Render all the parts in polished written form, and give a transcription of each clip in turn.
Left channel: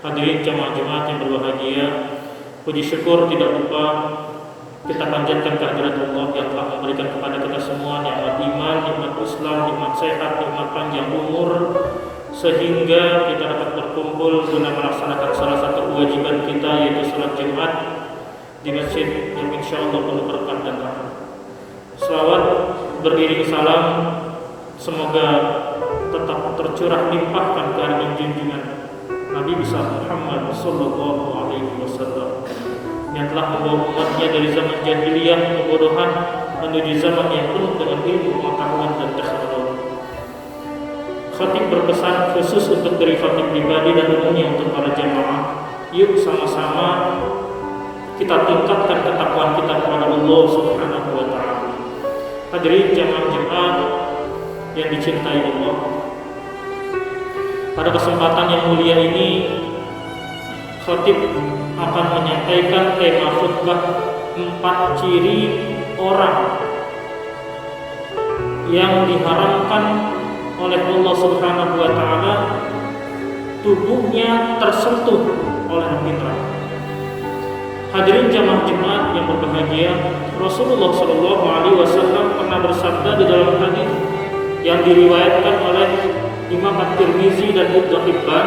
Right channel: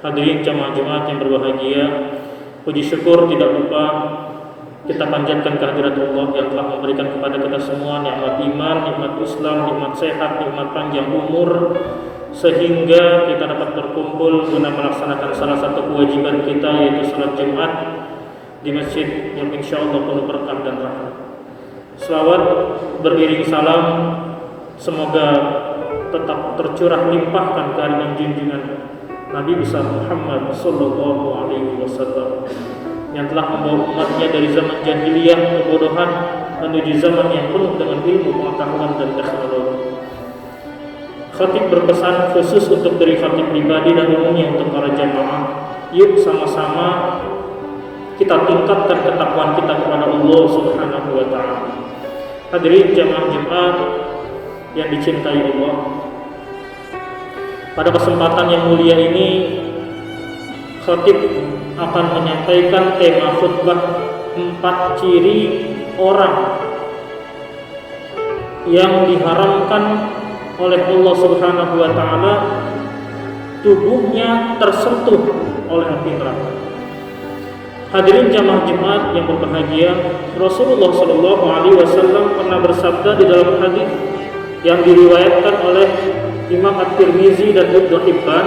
Hadirin jamaah Jumat yang berbahagia, puji syukur tidak lupa kita panjatkan kehadirat Allah yang telah memberikan kepada kita semua nikmat iman, nikmat Islam, nikmat sehat, nikmat panjang umur, sehingga kita dapat berkumpul guna melaksanakan salah satu kewajiban kita, yaitu salat Jumat di masjid yang insya Allah penuh berkah dan rahmat. Selawat beriring salam semoga tetap tercurah limpahkan kehadiran junjungan Nabi besar Muhammad sallallahu alaihi wasallam yang telah membawa umatnya dari zaman jahiliyah kebodohan menuju zaman yang penuh dengan ilmu, pengetahuan dan teknologi. Khatib berpesan khusus untuk diri khatib pribadi dan umumnya untuk para jamaah. Yuk sama-sama kita tingkatkan ketakwaan kita kepada Allah Subhanahu wa taala. Hadirin jamaah Jumat yang dicintai Allah. Pada kesempatan yang mulia ini, khatib akan menyampaikan tema khutbah 4 ciri orang yang diharamkan oleh Allah Subhanahu wa taala tubuhnya tersentuh oleh api neraka. Hadirin jamaah Jumat yang berbahagia, Rasulullah sallallahu alaihi wasallam pernah bersabda di dalam hadis yang diriwayatkan oleh Imam At-Tirmizi dan Ibnu Hibban,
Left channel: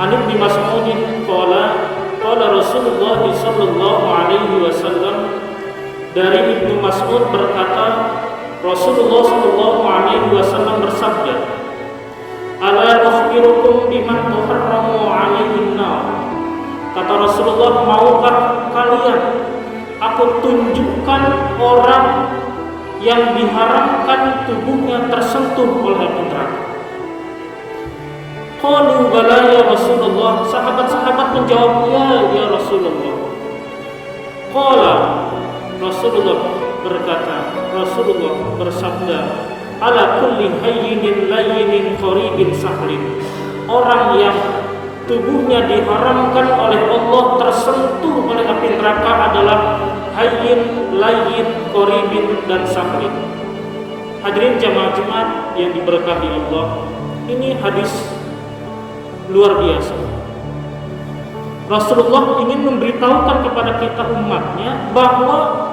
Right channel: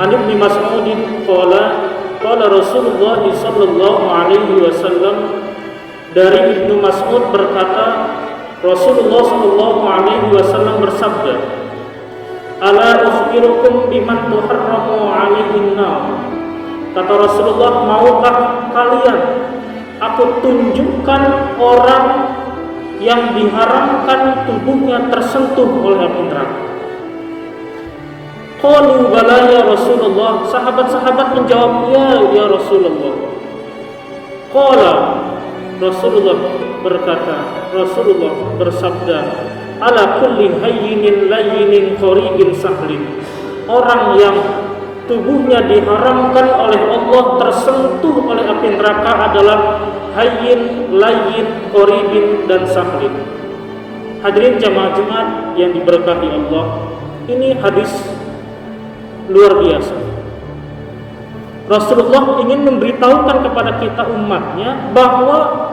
An Ibnu Mas'ud qala Rasulullah sallallahu alaihi wasallam, dari Ibnu Mas'ud berkata, Rasulullah sallallahu alaihi wasallam bersabda, "Ala ukhbirukum biman tuharramu alaihin nar." Kata Rasulullah, maukah kalian aku tunjukkan orang yang diharamkan tubuhnya tersentuh oleh api neraka? Qalu bala ya Rasulullah. Sahabat-sahabat menjawab, ya Rasulullah. Qala, Rasulullah berkata, Rasulullah bersabda, ala kulli hayyinin layyinin qaribin sahlin. Orang yang tubuhnya diharamkan oleh Allah tersentuh oleh api neraka adalah hayyin, layyin, qaribin dan sahlin. Hadirin jamaah Jumat yang diberkahi Allah, ini hadis luar biasa. Rasulullah ingin memberitahukan kepada kita umatnya bahwa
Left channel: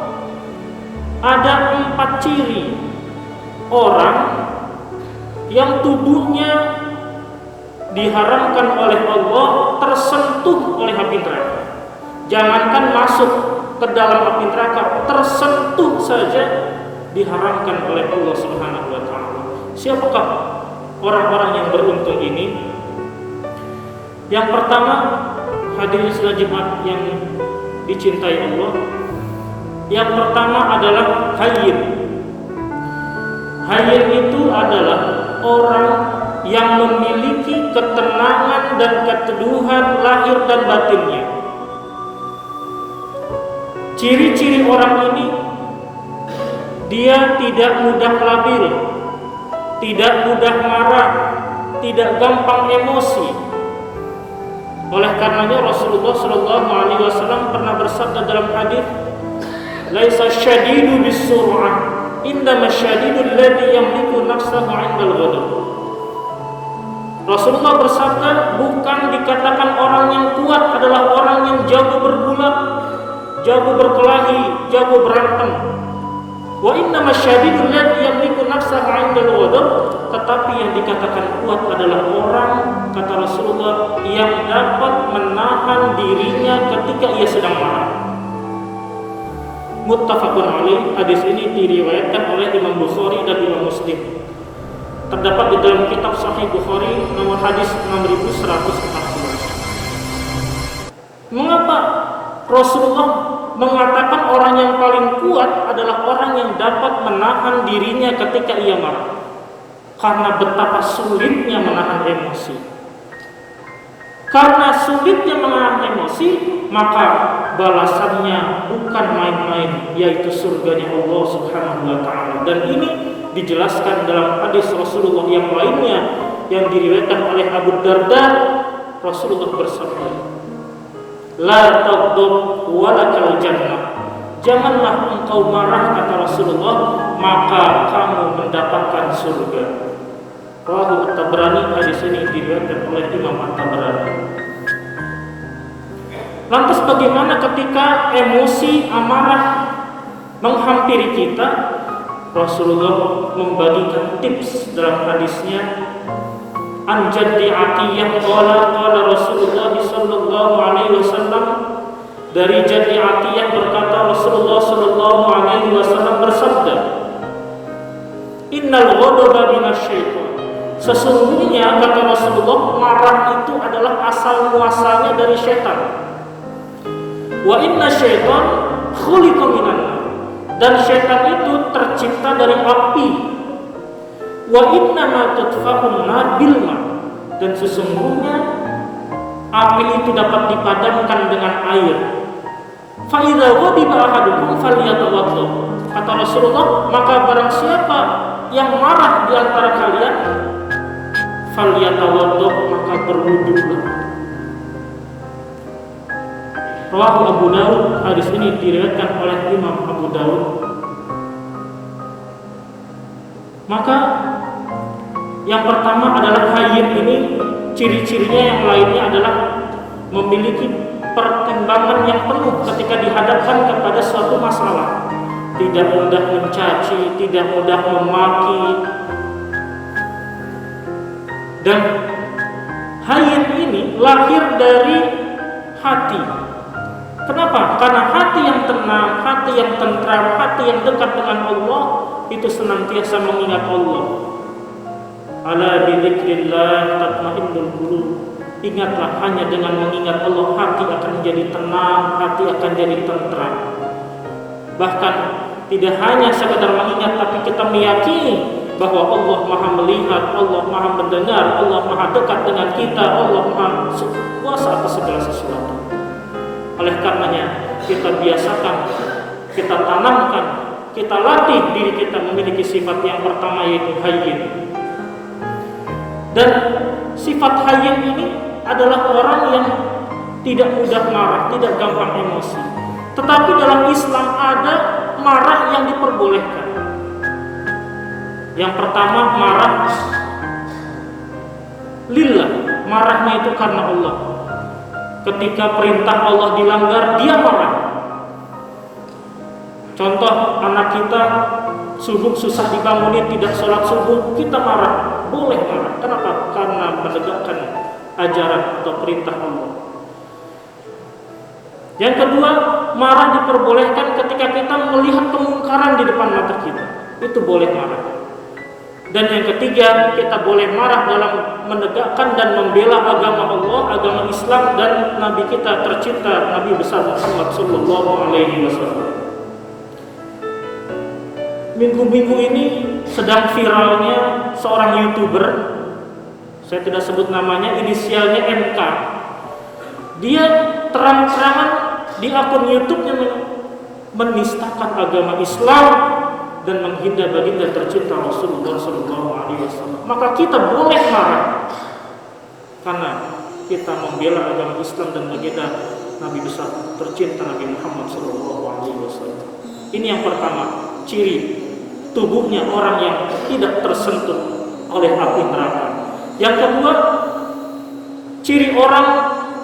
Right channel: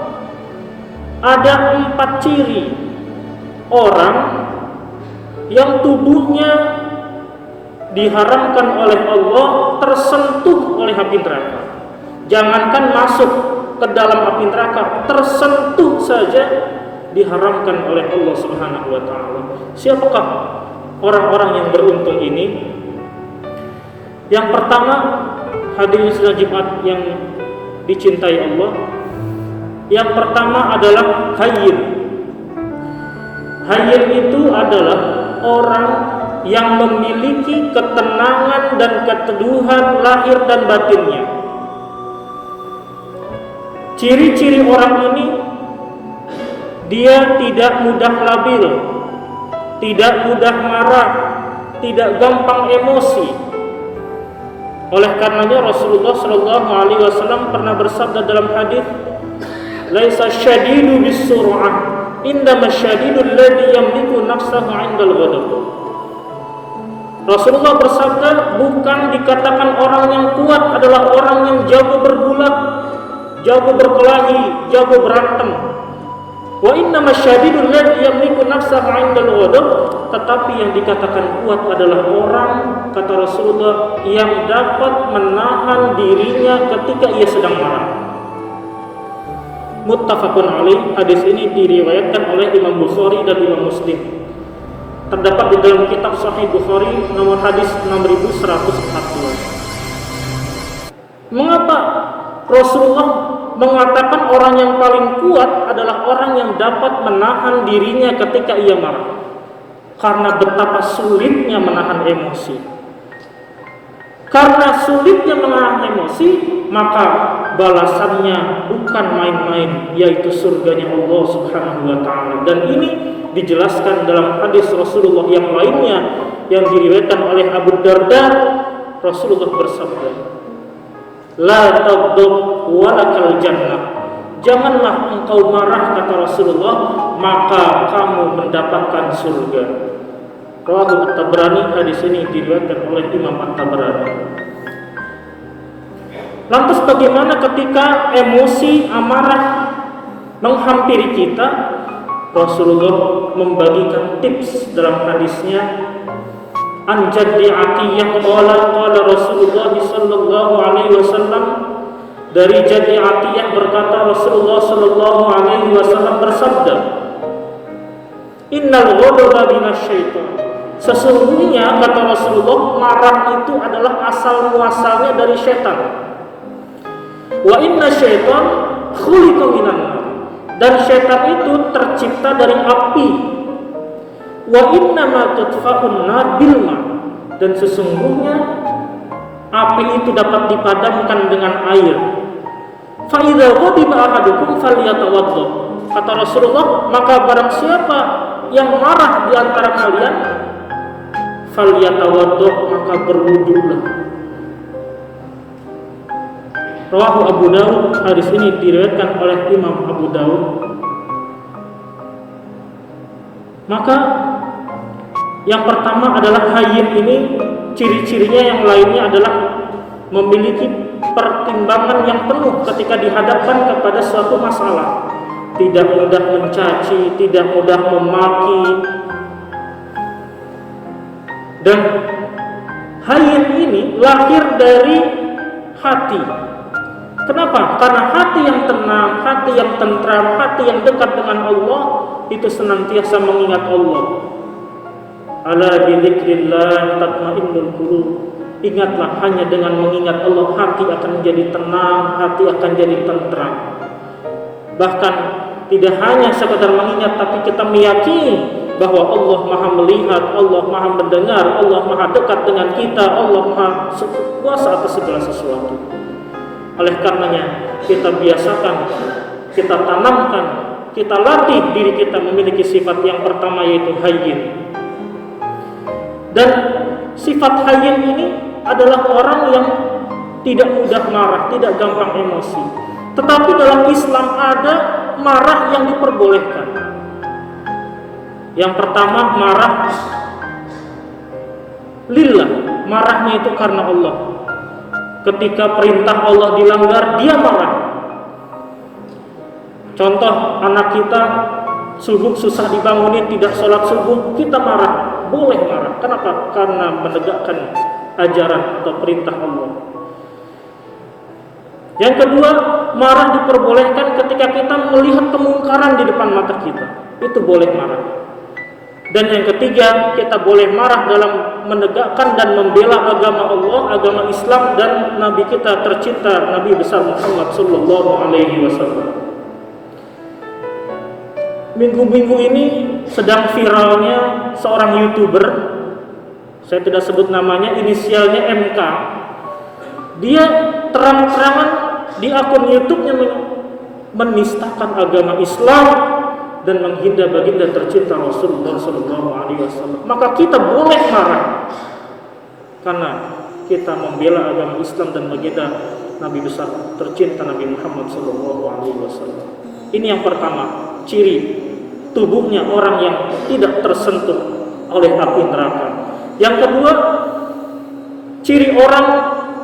ada 4 ciri orang yang tubuhnya diharamkan oleh Allah tersentuh oleh api neraka. Jangankan masuk ke dalam api neraka, tersentuh saja diharamkan oleh Allah Subhanahu wa taala. Siapakah orang-orang yang beruntung ini? Yang pertama, hadirin salat Jumat yang dicintai Allah, yang pertama adalah hayyin. Hayyin itu adalah orang yang memiliki ketenangan dan keteduhan lahir dan batinnya. Ciri-ciri orang ini, dia tidak mudah labil, tidak mudah marah, tidak gampang emosi. Oleh karenanya Rasulullah sallallahu alaihi wasallam pernah bersabda dalam hadis, "Laisa syadidu bis-sur'ah, innama syadidu alladhi yamliku nafsahu 'indal ghadab." Rasulullah bersabda, bukan dikatakan orang yang kuat adalah orang yang jago bergulat, jago berkelahi, jago berantem. Wa innama syadidul ladzi yamliku nafsahu 'indal ghadab, tetapi yang dikatakan kuat adalah orang, kata Rasulullah, yang dapat menahan dirinya ketika ia sedang marah. Muttafaqun alaih. Hadis ini diriwayatkan oleh Imam Bukhari dan Imam Muslim. Terdapat di dalam kitab Sahih Bukhari nomor hadis 6114. Mengapa Rasulullah mengatakan orang yang paling kuat adalah orang yang dapat menahan dirinya ketika ia marah? Karena betapa sulitnya menahan emosi. Karena sulitnya menahan emosi, maka balasannya bukan main-main, yaitu surganya Allah Subhanahu wa taala. Dan ini dijelaskan dalam hadis Rasulullah yang lainnya yang diriwayatkan oleh Abu Darda. Rasulullah bersabda, la taghdab walakal jannah. Janganlah engkau marah, kata Rasulullah, maka kamu mendapatkan surga. Rawahu At-Tabrani. Hadis ini diriwayatkan oleh Imam At-Tabrani. Lantas bagaimana ketika emosi amarah menghampiri kita? Rasulullah membagikan tips dalam hadisnya, an Jaddi Atiyah qala Rasulullah sallallahu alaihi wasallam, dari Jaddi Atiyah berkata Rasulullah sallallahu alaihi wasallam bersabda, innal ghadaba minasyaitan, sesungguhnya kata Rasulullah, marah itu adalah asal muasalnya dari syaitan. Wa inna syaitan khuliqa minan nar, dan syaitan itu tercipta dari api. Wa inna ma tudfa'un nar bil ma, dan sesungguhnya api itu dapat dipadamkan dengan air. Fa idza ghadiba ahadukum falyatawadda, kata Rasulullah, maka barang siapa yang marah di antara kalian, falyatawadda, maka berwudulah. Rawahu Abu Dawud, hadis ini diriwayatkan oleh Imam Abu Dawud. Maka yang pertama adalah hayyin ini, ciri-cirinya yang lainnya adalah memiliki pertimbangan yang penuh ketika dihadapkan kepada suatu masalah. Tidak mudah mencaci, tidak mudah memaki. Dan hayyin ini lahir dari hati. Kenapa? Karena hati yang tenang, hati yang tentram, hati yang dekat dengan Allah itu senantiasa mengingat Allah. Ala bidzikrillah tatmainnul qulub. Ingatlah, hanya dengan mengingat Allah hati akan menjadi tenang, hati akan jadi tentram. Bahkan tidak hanya sekedar mengingat, tapi kita meyakini bahwa Allah Maha melihat, Allah Maha mendengar, Allah Maha dekat dengan kita, Allah Maha kuasa atas segala sesuatu. Oleh karenanya kita biasakan, kita tanamkan, kita latih diri kita memiliki sifat yang pertama, yaitu hayyin. Dan sifat hayyin ini adalah orang yang tidak mudah marah, tidak gampang emosi. Tetapi dalam Islam ada marah yang diperbolehkan. Yang pertama, marah lillah, marahnya itu karena Allah. Ketika perintah Allah dilanggar, dia marah. Contoh, anak kita subuh susah dibangunin, tidak sholat subuh, kita marah. Boleh marah. Kenapa? Karena menegakkan ajaran atau perintah Allah. Yang kedua, marah diperbolehkan ketika kita melihat kemungkaran di depan mata kita. Itu boleh marah. Dan yang ketiga, kita boleh marah dalam menegakkan dan membela agama Allah, agama Islam, dan Nabi kita tercinta, Nabi besar Muhammad sallallahu alaihi wasallam. Minggu-minggu ini sedang viralnya seorang YouTuber, saya tidak sebut namanya, inisialnya MK. Dia terang-terangan di akun YouTube-nya menistakan agama Islam dan menghina baginda tercinta Rasulullah SAW. Maka kita boleh marah karena kita membela agama Islam dan baginda Nabi besar tercinta Nabi Muhammad SAW. Ini yang pertama, ciri tubuhnya orang yang tidak tersentuh oleh api neraka. Yang kedua, ciri orang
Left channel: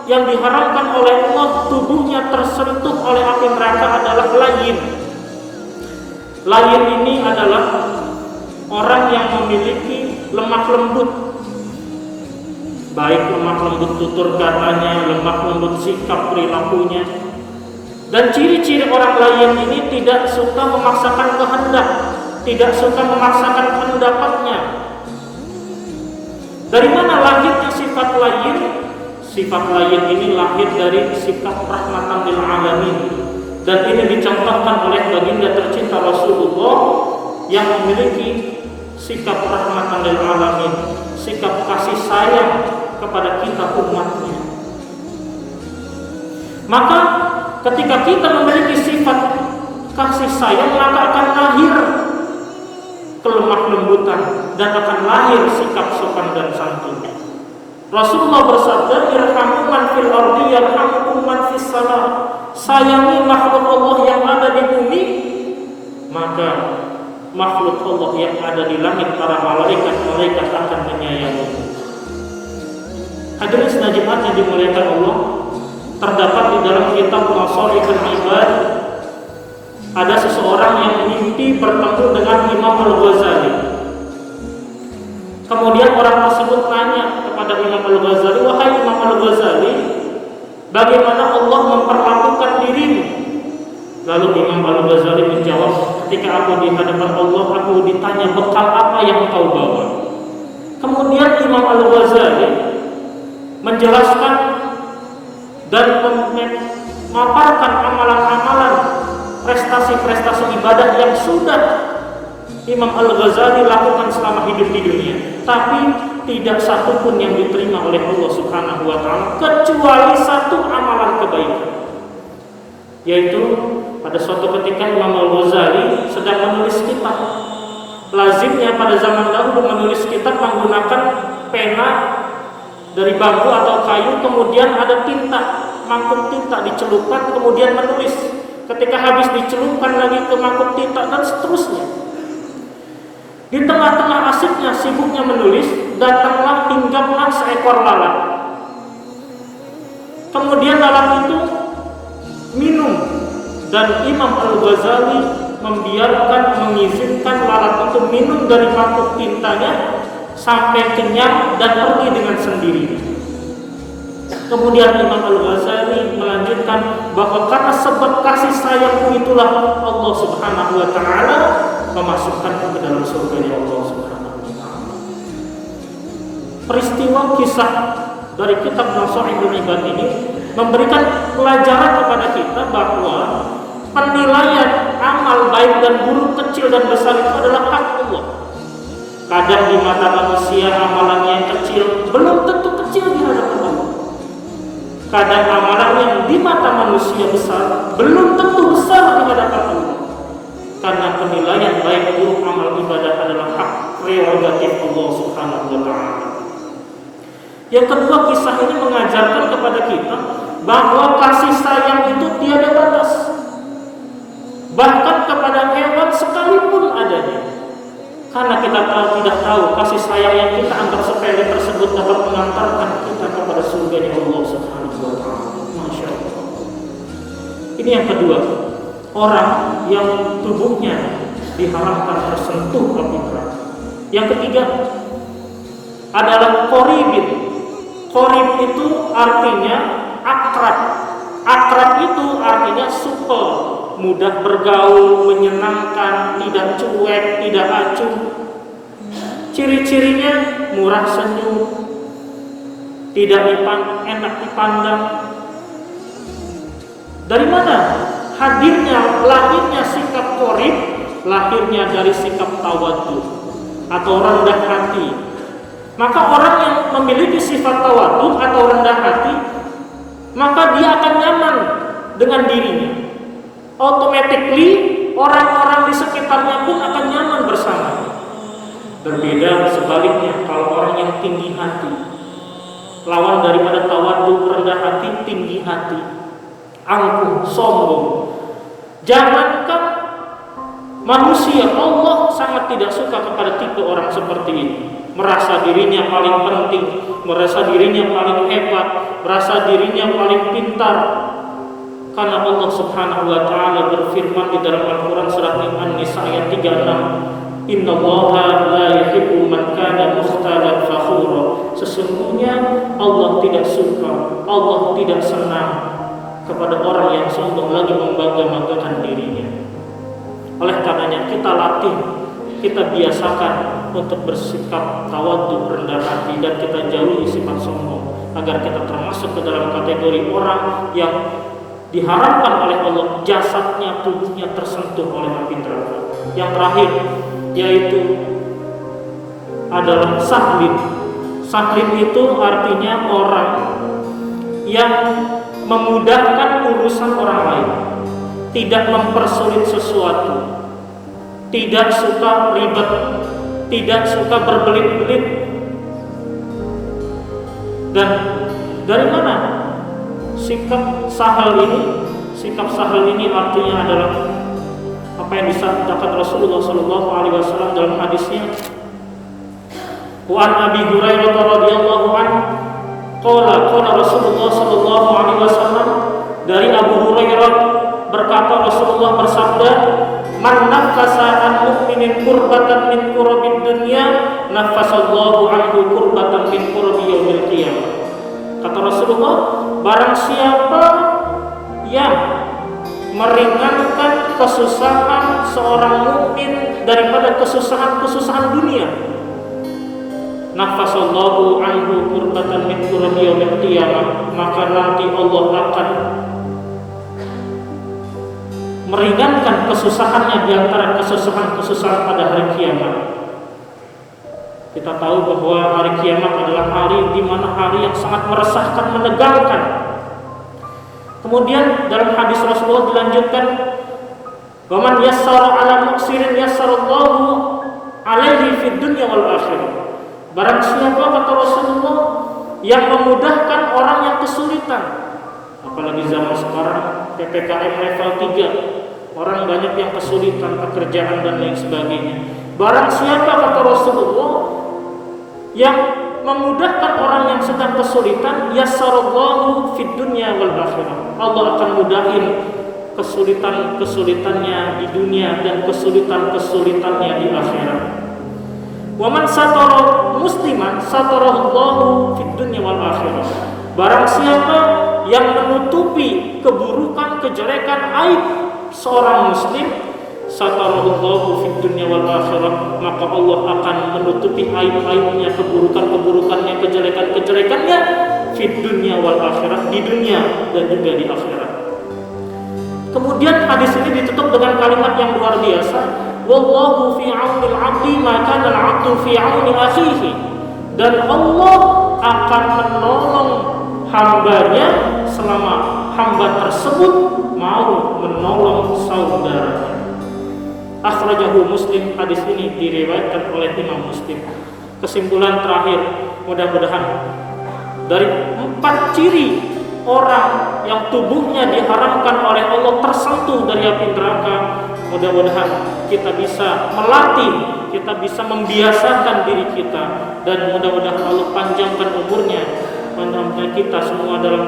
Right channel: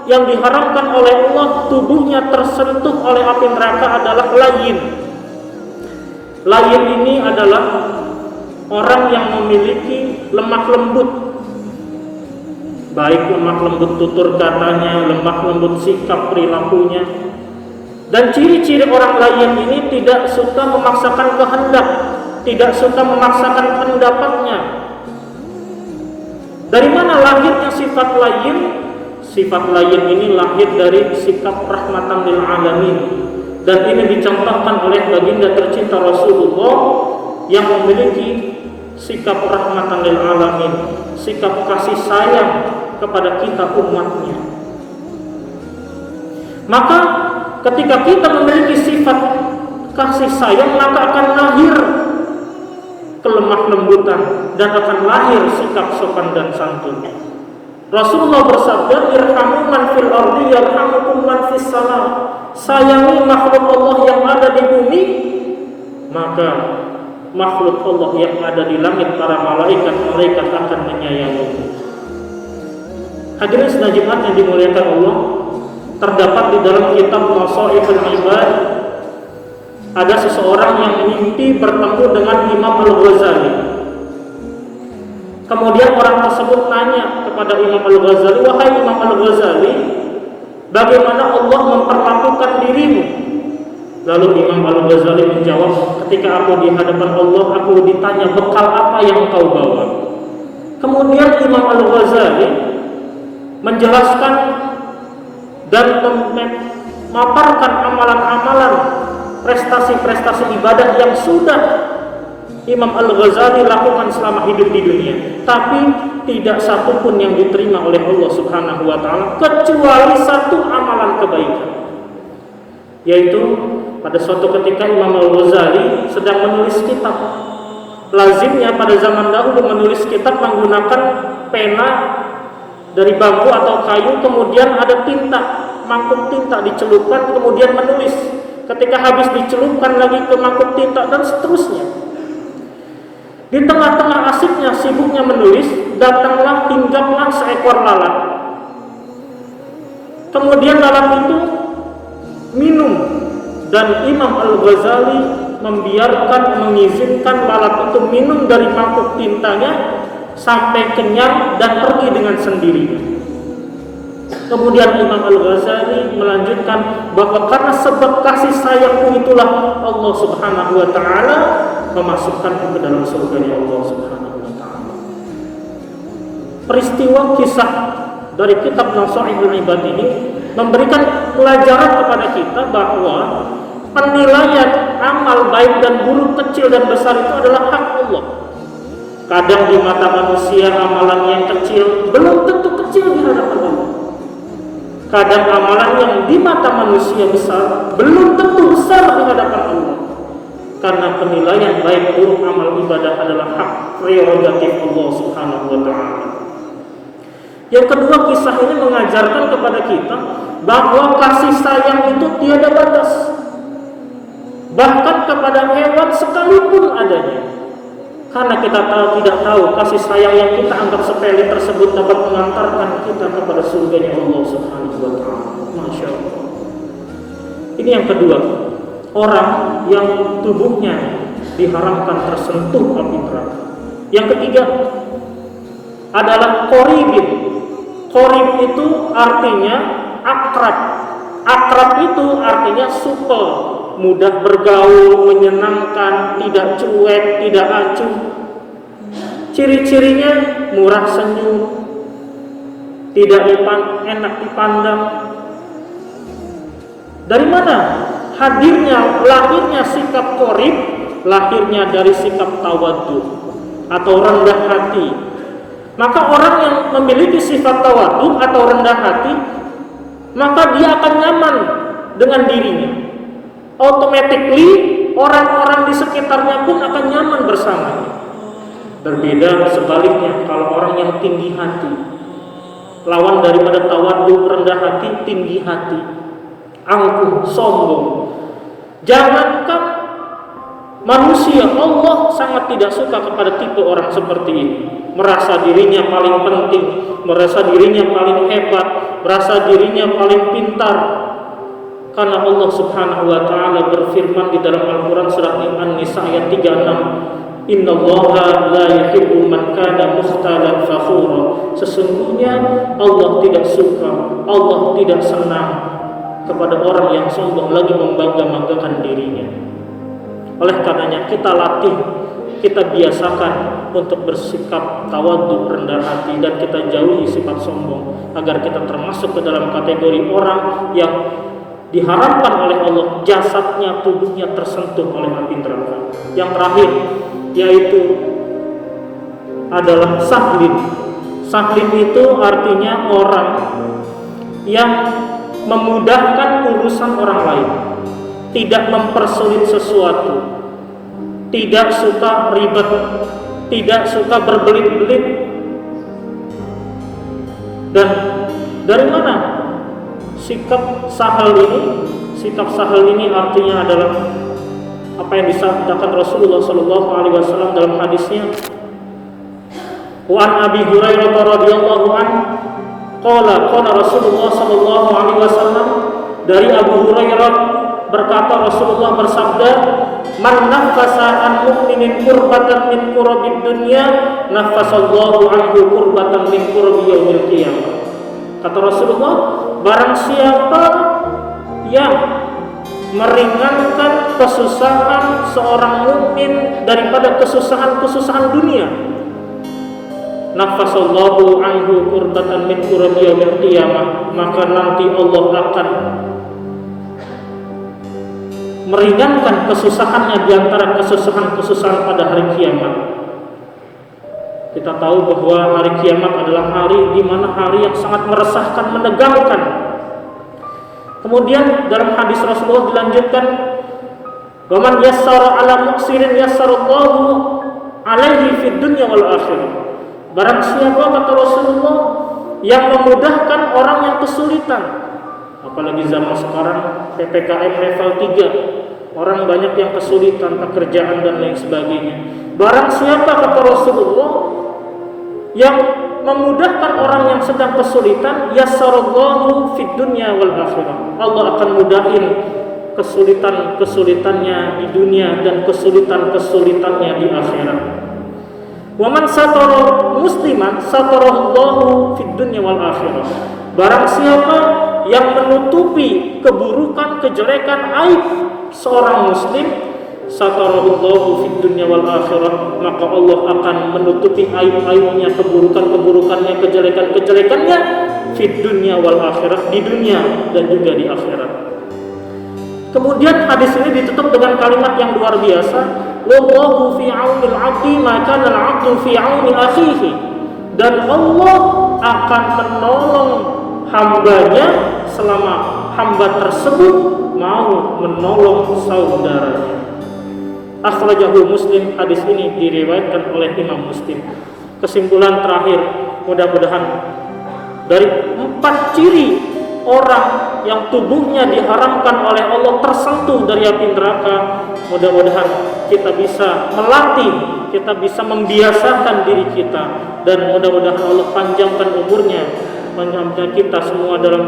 yang diharamkan oleh Allah tubuhnya tersentuh oleh api neraka adalah layyin. Layyin ini adalah orang yang memiliki lemah lembut, baik lemah lembut tutur katanya, lemah lembut sikap perilakunya. Dan ciri-ciri orang layyin ini tidak suka memaksakan kehendak, tidak suka memaksakan pendapatnya. Dari mana lahirnya sifat layyin? Sifat layyin ini lahir dari sikap rahmatan lil alamin. Dan ini dicontohkan oleh baginda tercinta Rasulullah yang memiliki sikap rahmatan lil alamin, sikap kasih sayang kepada kita umatnya. Maka ketika kita memiliki sifat kasih sayang, maka akan lahir kelemah lembutan dan akan lahir sikap sopan dan santun. Rasulullah bersabda, irhamu man fil ardi yarhamukum man fis salam. Sayangi makhluk Allah yang ada di bumi, maka makhluk Allah yang ada di langit, para malaikat akan menyayangi. Hadirin senajiban yang dimuliakan Allah, terdapat di dalam kitab Nasaihul Ibad, ada seseorang yang mimpi bertemu dengan Imam Al-Ghazali. Kemudian orang tersebut tanya kepada Imam Al-Ghazali, "Wahai Imam Al-Ghazali, bagaimana Allah memperlakukan dirimu?" Lalu Imam Al-Ghazali menjawab, "Ketika aku di hadapan Allah, aku ditanya bekal apa yang kau bawa." Kemudian Imam Al-Ghazali menjelaskan dan memaparkan amalan-amalan, prestasi-prestasi ibadah yang sudah Imam Al-Ghazali lakukan selama hidup di dunia, tapi tidak satu pun yang diterima oleh Allah Subhanahu wa Ta'ala kecuali satu amalan kebaikan, yaitu pada suatu ketika Imam Al-Ghazali sedang menulis kitab. Lazimnya pada zaman dahulu menulis kitab menggunakan pena dari bambu atau kayu, kemudian ada tinta, mangkuk tinta dicelupkan, kemudian menulis. Ketika habis dicelupkan lagi ke mangkuk tinta, dan seterusnya. Di tengah-tengah asiknya, sibuknya menulis, datanglah, hinggaplah seekor lalat. Kemudian lalat itu minum, dan Imam Al-Ghazali membiarkan, mengizinkan lalat itu minum dari mangkuk tintanya sampai kenyang dan pergi dengan sendirinya. Kemudian Imam Al-Ghazali melanjutkan bahwa karena sebab kasih sayangku itulah Allah Subhanahu wa Ta'ala memasukkan ke dalam surga Allah Subhanahu wa Ta'ala. Peristiwa kisah dari kitab Nasaihul Ibad ini memberikan pelajaran kepada kita bahwa penilaian amal baik dan buruk, kecil dan besar itu adalah hak Allah. Kadang di mata manusia amalan yang kecil belum tentu kecil di hadapan Allah. Kadang amalan yang di mata manusia besar belum tentu besar di hadapan Allah. Karena penilaian baik buruk amal ibadah adalah hak prerogatif Allah Subhanahu wa Ta'ala. Yang kedua, kisah ini mengajarkan kepada kita bahwa kasih sayang itu tiada batas, bahkan kepada hewan sekalipun adanya. Karena kita tidak tahu kasih sayang yang kita anggap sepele tersebut dapat mengantarkan kita kepada surganya Allah Subhanahu wa Ta'ala. Masya Allah. Ini yang kedua, orang yang tubuhnya diharamkan tersentuh api neraka. Yang ketiga adalah qoribin. Qorib itu artinya akrab. Akrab itu artinya suka, mudah bergaul, menyenangkan, tidak cuek, tidak acuh. Ciri-cirinya murah senyum, tidak enak dipandang. Dari mana lahirnya sikap qorib? Lahirnya dari sikap tawadhu atau rendah hati. Maka orang yang memiliki sifat tawadhu atau rendah hati, maka dia akan nyaman dengan dirinya. Automatically orang-orang di sekitarnya pun akan nyaman bersamanya. Berbeda sebaliknya kalau orang yang tinggi hati, lawan daripada tawadhu rendah hati, tinggi hati, angkuh, sombong. Jangankan manusia, Allah sangat tidak suka kepada tipe orang seperti ini. Merasa dirinya paling penting, merasa dirinya paling hebat, merasa dirinya paling pintar. Karena Allah Subhanahu wa Ta'ala berfirman di dalam Al-Quran surat An-Nisa ayat 36, Innallaha la yuhibbu man kana mukhtalan fakhura. Sesungguhnya Allah tidak suka, Allah tidak senang kepada orang yang sombong lagi membangga-banggakan dirinya. Oleh karenanya kita latih, kita biasakan untuk bersikap tawadhu, rendah hati, dan kita jauhi sifat sombong agar kita termasuk ke dalam kategori orang yang diharapkan oleh Allah jasadnya, tubuhnya tersentuh oleh api neraka. Yang terakhir yaitu adalah sahlin. Sahlin itu artinya orang yang memudahkan urusan orang lain, tidak mempersulit sesuatu, tidak suka ribet, tidak suka berbelit-belit. Dan dari mana sikap sahal ini? Sikap sahal ini artinya adalah apa yang disabdakan Rasulullah SAW dalam hadisnya, wa an Abi Hurairah radhiyallahu anhu qala Rasulullah sallallahu alaihi wasallam, dari Abu Hurairah berkata Rasulullah bersabda, man nafasa an mu'minin kurbatan min kurabid dunya nafasallahu anhu kurbatan min kurabi yaumil qiyamah. Kata Rasulullah, barang siapa yang meringankan kesusahan seorang mukmin daripada kesusahan dunia, nafasallahu anhu kurbatan min kurabi yaumil qiyamah, maka nanti Allah akan meringankan kesusahannya di antara kesusahan pada hari kiamat. Kita tahu bahwa hari kiamat adalah hari di mana hari yang sangat meresahkan, menegangkan. Kemudian dalam hadis Rasulullah dilanjutkan, "Wa man yassara 'ala mu'sirin yassarallahu 'alaihi fid dunya wal akhirah." Barang siapa, kata Rasulullah, yang memudahkan orang yang kesulitan, apalagi zaman sekarang PPKM level 3, orang banyak yang kesulitan pekerjaan dan lain sebagainya. Barang siapa, kata Rasulullah, yang memudahkan orang yang sedang kesulitan, yassarallahu fid dunya wal akhirah, Allah akan mudahin kesulitannya di dunia dan kesulitannya di akhirat. Wa man satara musliman satarallahu fid dunya wal akhirah. Barang siapa yang menutupi keburukan, kejelekan, aib seorang muslim, satarallahu fid dunya wal akhirah, maka Allah akan menutupi aib-aibnya, keburukannya, kejelekannya fid dunya wal akhirah, di dunia dan juga di akhirat. Kemudian hadis ini ditutup dengan kalimat yang luar biasa, wallahu fi 'aunil 'abdi ma kana al-'abdu fi 'auni akhihi, dan Allah akan menolong hambanya selama hamba tersebut mau menolong saudaranya. Akhrajahu Muslim, hadis ini diriwayatkan oleh Imam Muslim. Kesimpulan terakhir, mudah-mudahan dari 4 ciri orang yang tubuhnya diharamkan oleh Allah tersentuh dari api neraka, mudah-mudahan kita bisa melatih, kita bisa membiasakan diri kita, dan mudah-mudahan Allah panjangkan umurnya, panjangkan kita semua dalam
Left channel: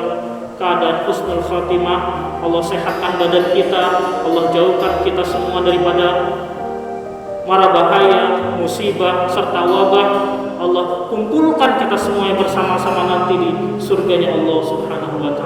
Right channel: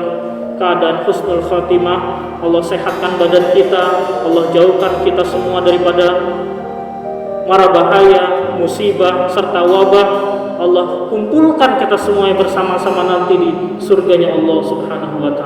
keadaan husnul khatimah. Allah sehatkan badan kita, Allah jauhkan kita semua daripada mara bahaya, musibah serta wabah. Allah kumpulkan kita semua bersama-sama nanti di surganya Allah Subhanahu wa ta'ala.